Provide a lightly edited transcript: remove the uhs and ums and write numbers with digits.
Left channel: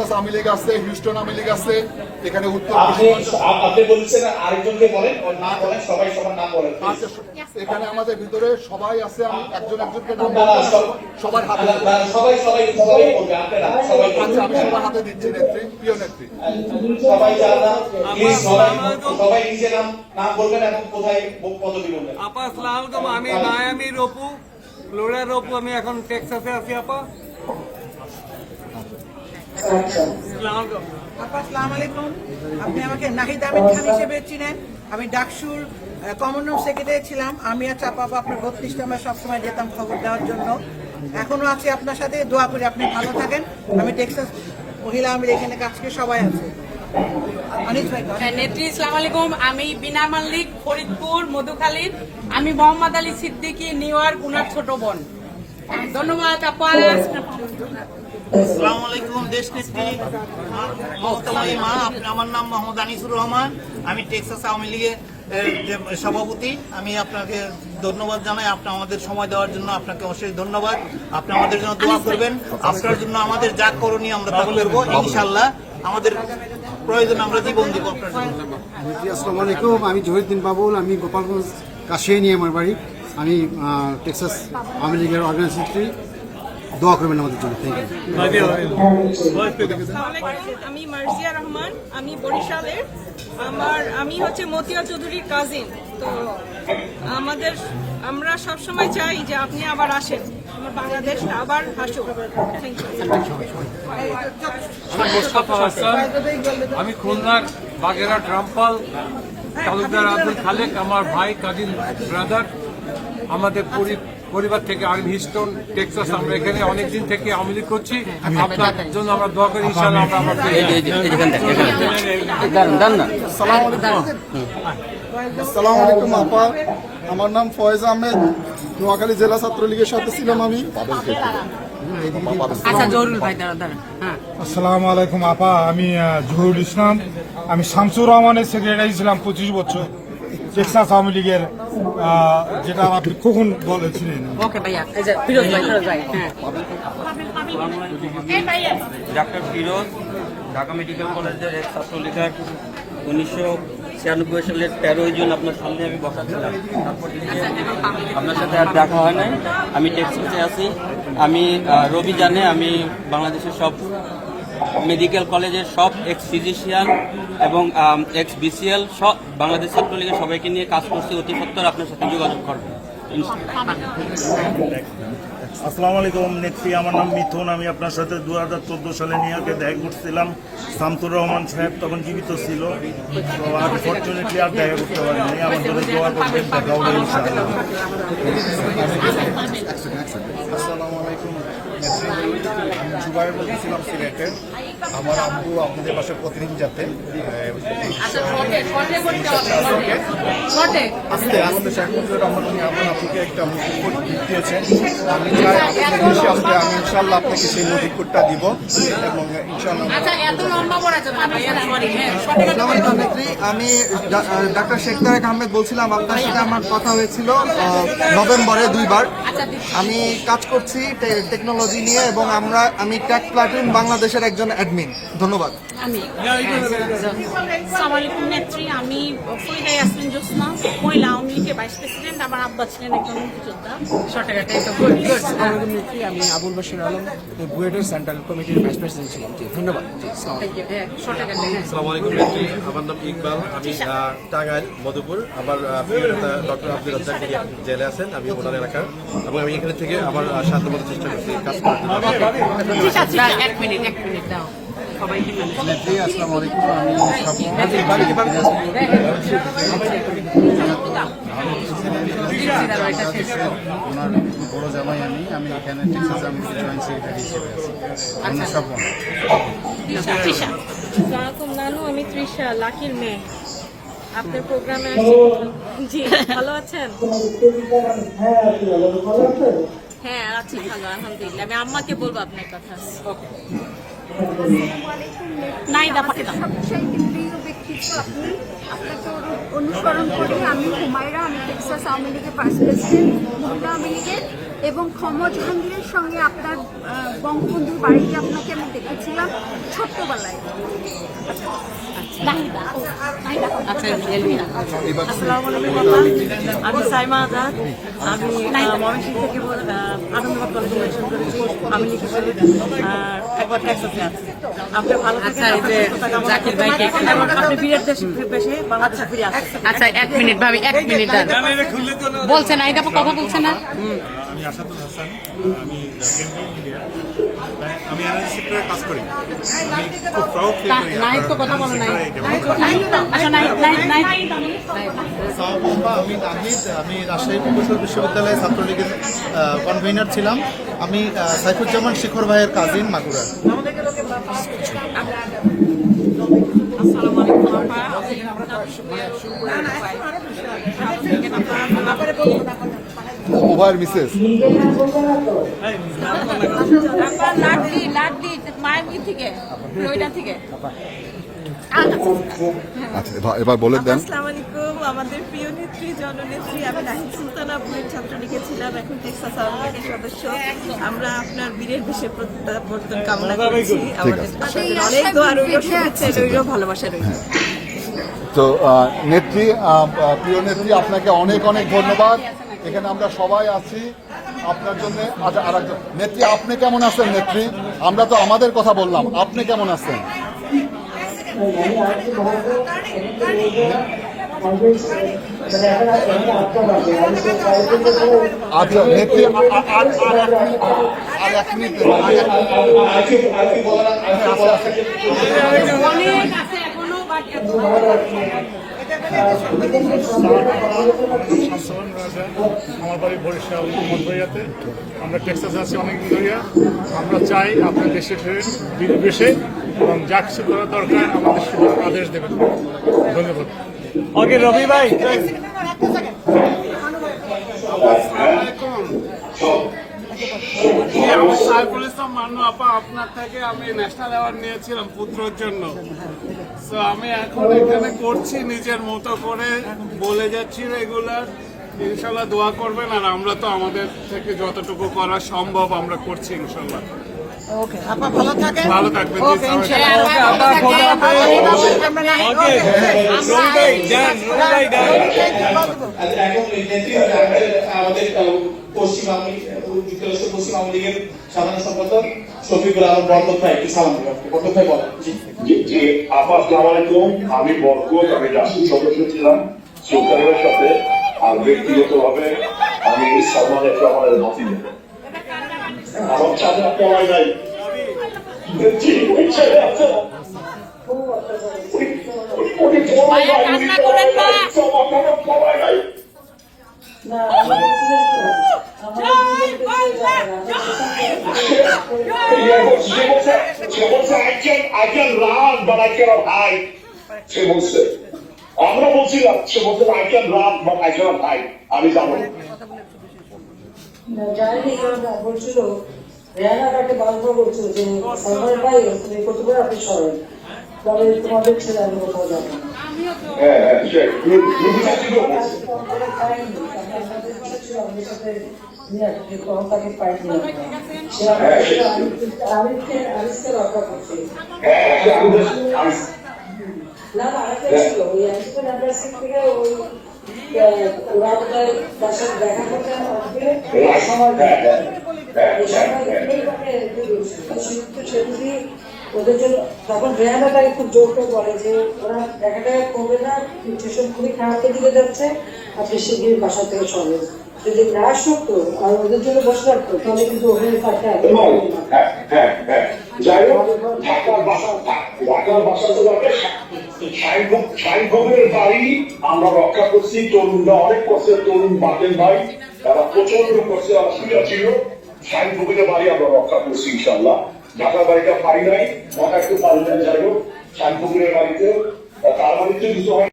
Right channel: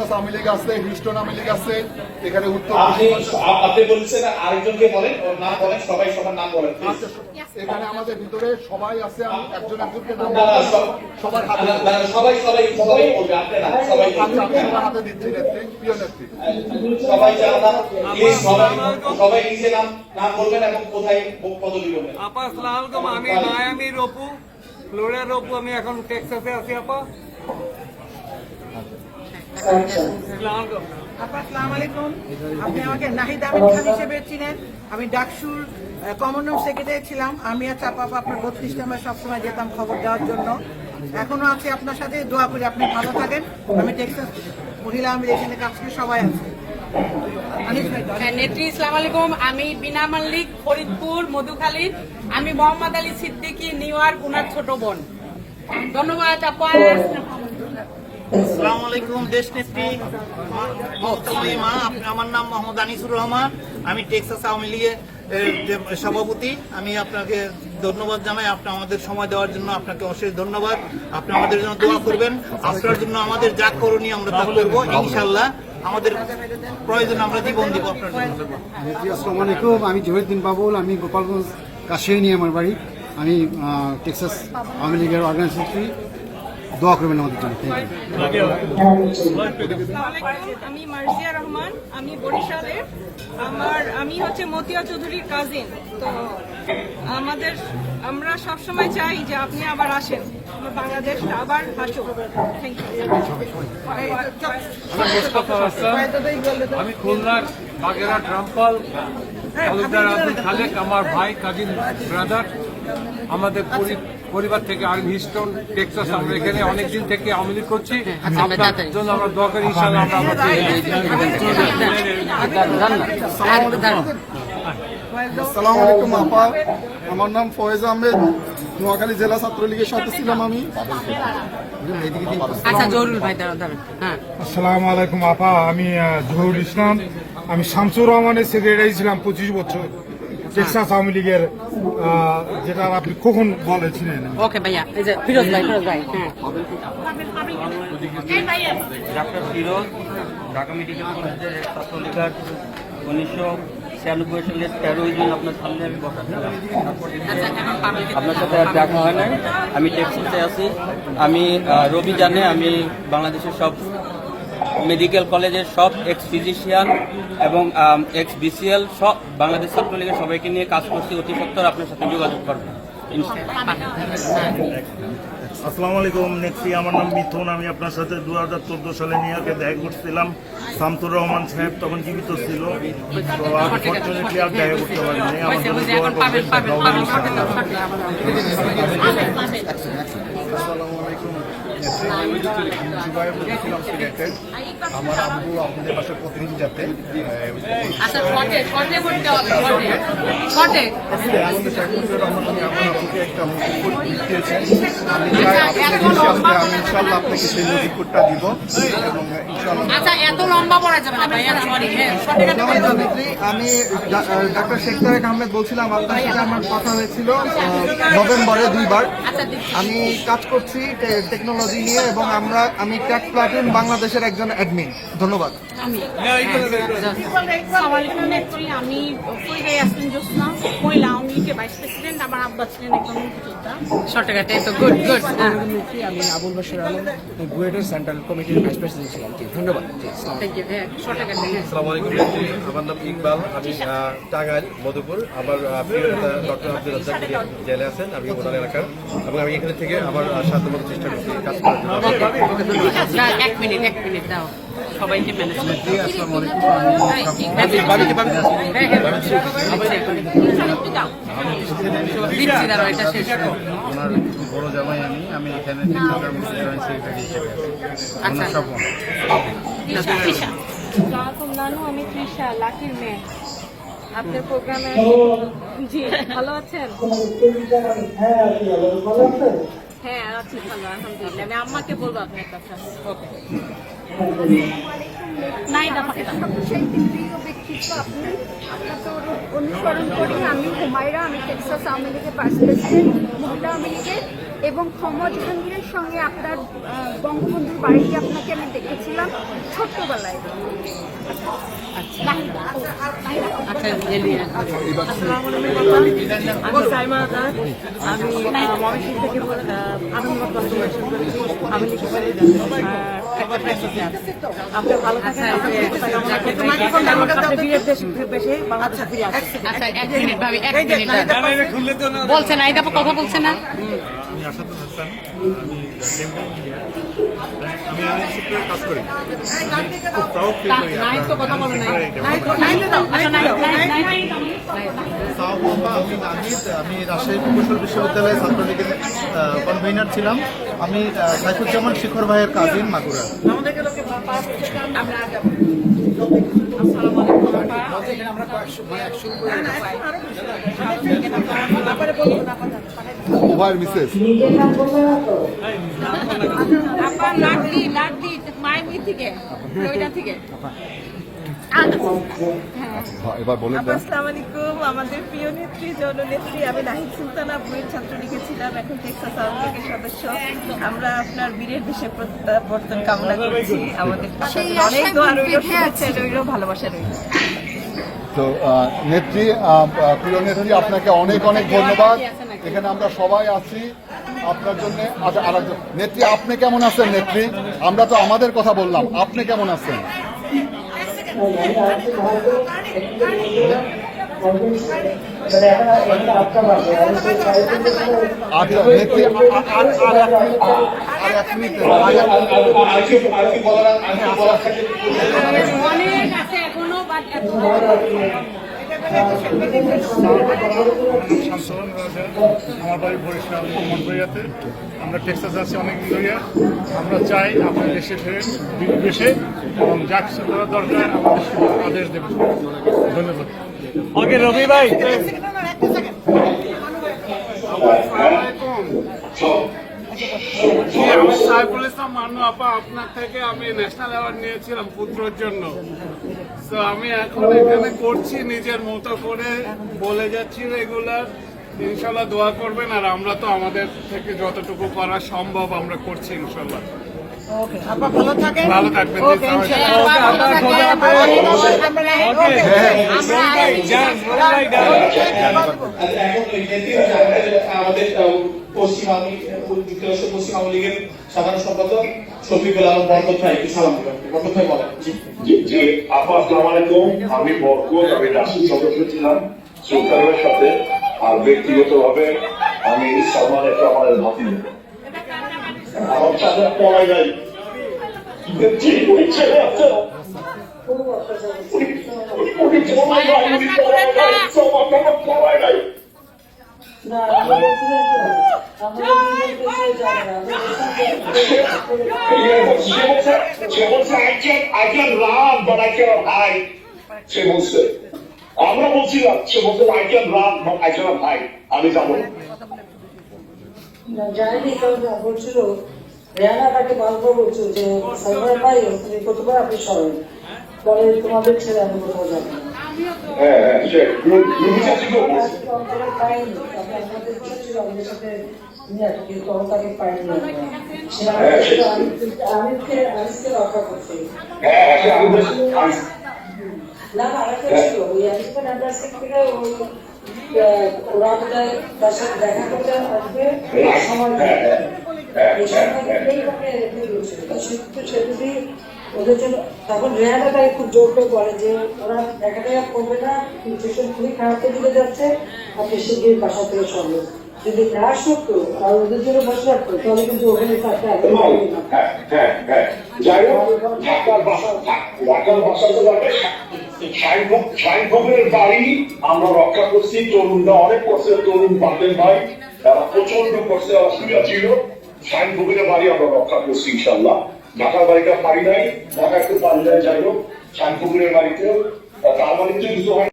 Texas Awami League আছে, Houston Awami League আছে, এখানে উত্তর আপনি বলছেন আরেকজনকে বলেন, ওর নাম বলেন, সবাই সবার নাম বলেন। আচ্ছা, এখানে আমাদের ভিতরে সবাই আছে, আমি একজনকে নাম সবার হাতে সবাই সবাই সবাই বলবে, আপনারা সবাই আচ্ছা, আমি সবার হাতে দিচ্ছি নেত্রী, প্রিয় নেত্রী। সবাই যারা সবাই নিজের নাম বলবেন এবং কোথায় পদবি বলবেন। আপা আসসালামু আলাইকুম, আমি মায়ামির অপু, ফ্লোরিডার অপু, আমি এখন টেক্সাসে আছি। আপা আসসালামু আলাইকুম, আপনি আমাকে নাহিদ আমিন খান হিসেবে চিনেন। আমি ডাকসুর কমন রুম সেক্রেটারি ছিলাম। আমি আর চাপা আপনার 32 নম্বর সবসময় যেতাম খবর দেওয়ার জন্য, এখনো আছি আপনার সাথে। দোয়া করি আপনি ভালো থাকেন। আমি টেক্সাস মহিলা আওয়ামী লীগ এখানে কাজ করে সবাই আছে। নেত্রী আসসালামু আলাইকুম, আমি বিনা মাল্লিক, ফরিদপুর মধুখালীর। আমি মোহাম্মদ আলী সিদ্দিকী, নিউ ইয়র্ক, উনার ছোট বোন। ধন্যবাদ আপা। আসসালামু আলাইকুম দেশ নেত্রী মমতাময়ী মা, আমার নাম মোহাম্মদ আনিসুর রহমান, আমি টেক্সাস আওয়ামী লীগের সভাপতি। আমি আপনাকে ধন্যবাদ জানাই, আপনি আমাদের সময় দেওয়ার জন্য আপনাকে অশেষ ধন্যবাদ। আপনি আমাদের জন্য দোয়া করবেন, আপনার জন্য আমাদের যা করণীয় আমরা তা করবো ইনশাল্লাহ। আমাদের প্রয়োজন আমরা জীবন দিব আপনার জন্য। আসসালামু আলাইকুম, আমি জহিরুদ্দিন বাবুল, আমি গোপালগঞ্জ কাশিয়ানী আমার বাড়ি। আমি টেক্সাস আওয়ামী লীগের অর্গানাইজেশন। দোয়া করবেন আমাদের জন্য। Thank you. আমি মার্জিয়া রহমান, আমি বরিশালের। আমি হচ্ছে মতিয়া চৌধুরীর কাজিন। তো আমরা সবসময় চাই যে আপনি আবার আসেন, আমার বাংলাদেশ আবার হাসুক। Thank you. আমি মোস্তফা হাসান, আমি খুলনার বাগেরহাট রামপাল, তালুকদার আব্দুল খালেক আমার ভাই, কাজিন ব্রাদার। আমাদের পরিবার থেকে আর্মি হিস্টন টেক্সাস। আমরা এখানে অনেকদিন থেকে আওয়ামী লীগ করছি। আপনার জন্য আমরা দোয়া করি, ইনশাআল্লাহ আমরা আবার আসসালামু আলাইকুম আপা, আমার নাম ফয়েজ আহমেদ, নোয়াখালী জেলা ছাত্রলীগের সাথে ছিলাম আমি। আসসালামু আলাইকুম আপা, আমি জহুরুল ইসলাম, আমি শামসুর রহমানের সেক্রেটারি ছিলাম 25 বছর টেক্সাস আওয়ামী লীগের, যেটা আপনি কখন বলেছিলেন। ডাক্তার ফিরোজ, ঢাকা মেডিকেল কলেজের এক ছাত্রলীগার। 1996 সালের 13 জুন আপনার সামনে আমি বসাচ্ছিলাম, তারপর থেকে আপনার সাথে আর দেখা হয় নাই। আমি টেক্সাসে আছি। আমি রবি জানে, আমি বাংলাদেশের সব মেডিকেল কলেজের সব এক্স ফিজিশিয়ান এবং এক্স বিসিএল সব বাংলাদেশ ছাত্রলীগের সবাইকে নিয়ে কাজ করছি। অতি সত্বর আপনার সাথে যোগাযোগ করবো ইনশাআল্লাহ। আসসালামু আলাইকুম নেত্রী, আমার নাম মিথুন, আমি আপনার সাথে 2014 সালে নিউ ইয়র্কে দেখা করছিলাম। শামসুর রহমান সাহেব তখন জীবিত ছিল, তো আনফর্চুনেটলি আর দেখা করতে পারিনি। আমার জন্য দোয়া করবেন, দেখা হবে ইনশাআল্লাহ। আসসালামু আলাইকুম নেত্রী, আমি জুবাইর বলছিলাম সিলেটে। আমার আব্বু আপনাদের পাশে প্রতিদিন যাতে আমার আপুকে একটা মুক্তিকোট দিয়েছেন। আমি চাই আপনাদের বেশি আসলে আমি ইনশাল্লাহ আপনাকে সেই মুক্তিকোটটা দিব এবং ইনশাল্লাহ। আমি ডাক্তার শেখ তারেক আহমেদ বলছিলাম, আপনার সাথে আমার কথা হয়েছিল নভেম্বরে 2 বার। আমি কাজ করছি টেকনোলজি নিয়ে এবং আমি ট্যাক প্লাটুন বাংলাদেশের একজন অ্যাডমিন। ধন্যবাদ। আসসালামু আলাইকুম নেত্রী, আমি ফরিদা ইয়াসমিন জোসনা, মহিলা আওয়ামী লীগের ভাইস প্রেসিডেন্ট। আমার আব্বা ছিলেন একজন মুক্তিযোদ্ধা। নেত্রী, আমি আবুল বশির আলম, বুয়েটের সেন্ট্রাল কমিটির ভাইস প্রেসিডেন্ট ছিলাম। ধন্যবাদ। আসসালামু আলাইকুম নেত্রী, আমার নাম ইকবাল, আমি টাঙ্গাইল মধুপুর। আমার প্রিয় নেতা ডক্টর আব্দুল রাজ্জাক জেলে আছেন, আমি ওনার এলাকার, এবং আমি এখানে থেকে আমার সাধ্যমতো চেষ্টা করছি কাজ করার জন্য। নেত্রী আসসালামু আলাইকুম, আমি ওনার বড় জামাই। আমি এখানে টেক্সাস আওয়ামী লীগের জয়েন্ট সেক্রেটারি হিসেবে আছি। ওনার সব নানু, আমি তৃষা, লাকির মেয়ে। আপনার প্রোগ্রামে জি ভালো আছেন? হ্যাঁ আছি ভালো, আলহামদুলিল্লাহ। আমি আম্মাকে বলবো আপনার কথা। আপনাকে অনুসরণ করি। আমি হুমায়রা, আমি টেক্সাস আওয়ামী লীগের ভাইস প্রেসিডেন্ট, মহিলা আওয়ামী লীগের। এবং ক্ষমা জাহাঙ্গীরের সঙ্গে আপনার বঙ্গবন্ধুর বাড়িতে আপনাকে আমি দেখেছিলাম ছোট্টবেলায়। আমি সাইমা আজাদ, আমি ময়মনসিংহ থেকে আনন্দবাগ কলেজে ইলেকশন করেছি। আমি লিখেছি একবার টেক্সাসে আছি। আপনি ভালো থাকেন, আপনার সুস্থতা কামনা করছি এবং আপনি বীরের দেশে বাংলাদেশে ফিরে আসেন। আচ্ছা, 1 মিনিট ভাবি, 1 মিনিট বলছে না, এটা কথা বলছে না। আমি আসাদুল হাসান, আমি কেমিক্যাল ইঞ্জিনিয়ার, আমি এনার্জি সেক্টরে কাজ করি। আমি খুব প্রাউড ফিল করি নাই তো কথা বলে না। আমি নাহিদ, আমি রাজশাহী প্রকৌশল বিশ্ববিদ্যালয়ের ছাত্রলীগের কনভেনার ছিলাম। আমি সাইফুজ্জামান শিখর ভাইয়ের কাজিন মাগুরা। ওভার মিসেস এবার বলেন দেন। আসসালামু আলাইকুম। আমাদের প্রিয় নেত্রী, জননেত্রী, আমি নাহিদ সুলতানা বুয়েট ছাত্রলীগে ছিলাম, এখন টেক্সাস আওয়ামী লীগের সদস্য। আমরা আপনার বীরের বেশে প্রত্যাবর্তন কামনা করছি। আমাদের অনেক দোয়া রইল, শুভেচ্ছা রইল, ভালোবাসা রইল। তো নেত্রী, প্রিয় নেত্রী, আপনাকে অনেক অনেক ধন্যবাদ। এখানে আমরা সবাই আছি আপনার জন্য। আচ্ছা, আরেকজন নেত্রী, আপনি কেমন আছেন নেত্রী? আমরা তো আমাদের কথা বললাম, আপনি কেমন আছেন? আচ্ছা নেত্রী, আর এক মিনিট অনেক আছে এখনো, বাট এত শামসুল রাজা, আমার বাড়ি বরিশাল মঠবাড়িয়াতে। আমরা টেক্সাসে আছি অনেকদিন ধরিয়া। আমরা চাই আপনার দেশে ফেরে বিদেশে এবং যা কিছু করার দরকার আমাদের আদেশ দেবেন। ধন্যবাদ। ওকে রবি ভাই, আমি সাইফুল ইসলাম মানু আপা, আপনার থেকে আমি ন্যাশনাল অ্যাওয়ার্ড নিয়েছিলাম পুত্রর জন্য। তো আমি এখন এখানে করছি নিজের মতো করে, বলে যাচ্ছি রেগুলার। ইনশাল্লাহ দোয়া করবেন, আর আমরা তো আমাদের থেকে যতটুকু করা সম্ভব আমরা করছি ইনশাল্লাহ। ভালো থাকবেন। আমাদের পশ্চিম আওয়ামী লীগের সাধারণ সম্পাদক শফিকুল আলম বরকত ভাই, একটু সালাম দেবেন। বরকত ভাই বলেন। জি আপা, আসসালামু আলাইকুম। আমি বরকত, আমি রাষ্ট্রীয় সদস্য ছিলাম সুলতানের সাথে, আর ব্যক্তিগত ভাবে আমি সালমান এফ রহমানের ভাতিজা। আমার সাথে পাওয়াই নাই। আমরা বলছিলাম, সে বলছে I can run, but I cannot hide. আমি যাবো। বলছিল রেহানা তাকে বারবার বলছিল যে সালমান ভাই তুমি কতবার আপনি সবাই পরে তোমাদের ছেলে আমি কোথাও যাবো। হ্যাঁ, আমাদের সাথে কিন্তু তাকে পাইনি। আমিরকে রক্ষা করছি। না ছিল ওই আমরা থেকে ওই ওরা বাসায় দেখা করতে আসবে সময় ওদের জন্য তখন রেহানাটা একটু জোরটা করে যে ওরা দেখা দেখা করবে না, যেসব খুবই খারাপ দিকে যাচ্ছে তাকে শিগগির বাসা থেকে সরবে। যদি না সত্য আর ওদের জন্য বসে রাখতো তাহলে কিন্তু ওখানে পাশে যাই হোক, ঢাকার বাসা সাইফের বাড়ি আমরা রক্ষা করছি। তরুণরা অনেক করছে, তরুণ বাদের ভাই তারা প্রচন্ড করছে, অসুবিধা ছিল। সাইফের বাড়ি আমরা রক্ষা করছি ইনশাল্লাহ। ঢাকার বাড়িটা পারি নাই, ঢাকা একটু পারি নাই। যাই হোক, সাইফের বাড়িতে তার বাড়িতে কিছু হয়